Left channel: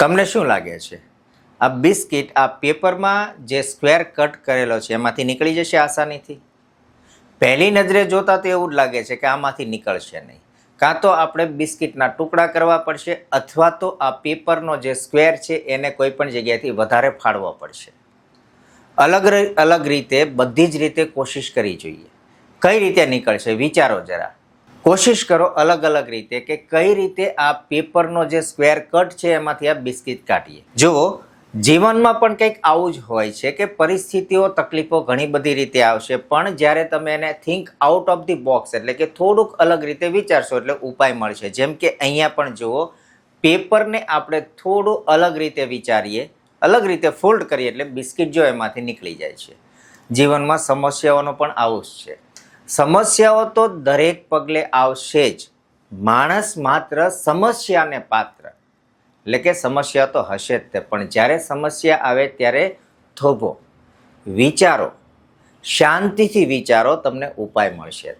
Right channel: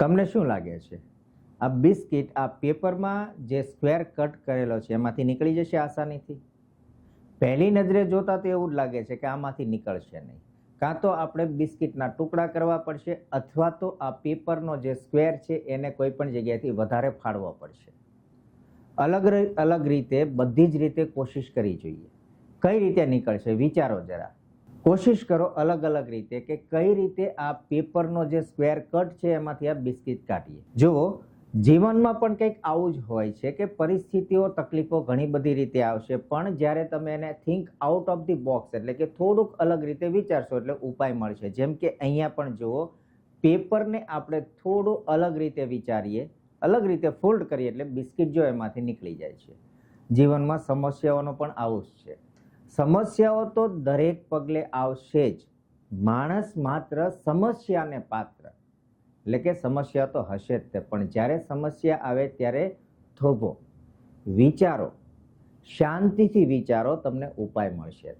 તમને શું લાગે છે આ બિસ્કિટ આ પેપરમાં જે સ્ક્વેર કટ કરેલો છે એમાંથી નીકળી જશે આસાનીથી? પહેલી નજરે જોતા તો એવું જ લાગે છે કે આમાંથી નીકળશે નહીં. કાં તો આપણે બિસ્કિટના ટુકડા કરવા પડશે અથવા તો આ પેપરનો જે સ્ક્વેર છે એને કોઈ પણ જગ્યાએથી વધારે ફાડવો પડશે. અલગ રીતે બધી જ રીતે કોશિશ કરવી જોઈએ. કઈ રીતે નીકળશે વિચારો જરા. કોશિશ કરો અલગ રીતે કે કઈ રીતે આ પેપરનો જે સ્ક્વેર કટ છે એમાંથી આ બિસ્કિટ કાઢીએ. જુઓ, જીવનમાં પણ કંઈક આવું જ હોય છે કે પરિસ્થિતિઓ તકલીફો ઘણી બધી રીતે આવશે, પણ જ્યારે તમે એને think out of the box એટલે કે થોડુંક અલગ રીતે વિચારશો એટલે ઉપાય મળશે. જેમ કે અહીંયા પણ જુઓ, પેપરને આપણે થોડું અલગ રીતે વિચારીએ, અલગ રીતે ફોલ્ડ કરીએ એટલે બિસ્કિટ જો એમાંથી નીકળી જાય છે. જીવનમાં સમસ્યાઓનો પણ આવું જ છે. સમસ્યાઓ તો દરેક પગલે આવશે જ. માણસ માત્ર સમસ્યાને પાત્ર, એટલે કે સમસ્યા તો હશે જ તે, પણ જ્યારે સમસ્યા આવે ત્યારે થોભો, વિચારો, શાંતિથી વિચારો, તમને ઉપાય મળશે.